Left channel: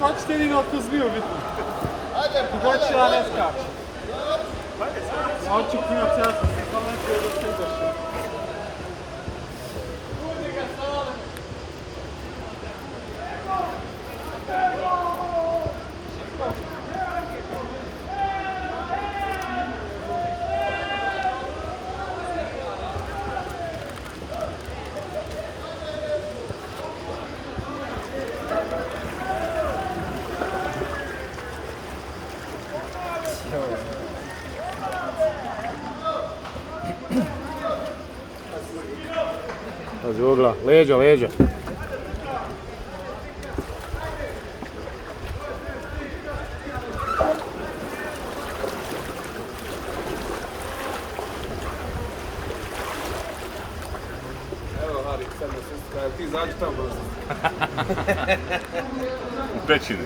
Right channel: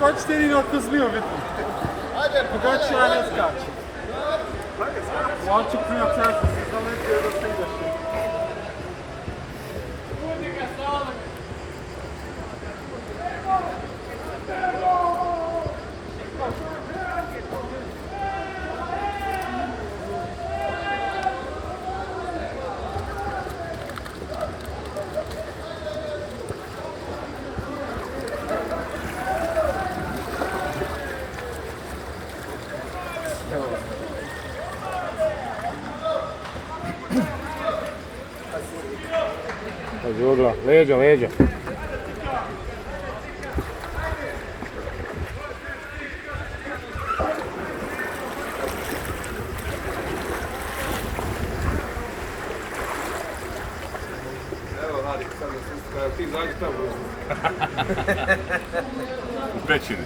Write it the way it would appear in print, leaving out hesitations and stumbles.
Kaç derine kızmıyor bitmiş. Kaç tane kaç. Ya çıktı yok sen. Sana hiç öyle Pazi ogla, leđa, leđa. Evo, Harik, sad da ti zađi tamo. U pećini.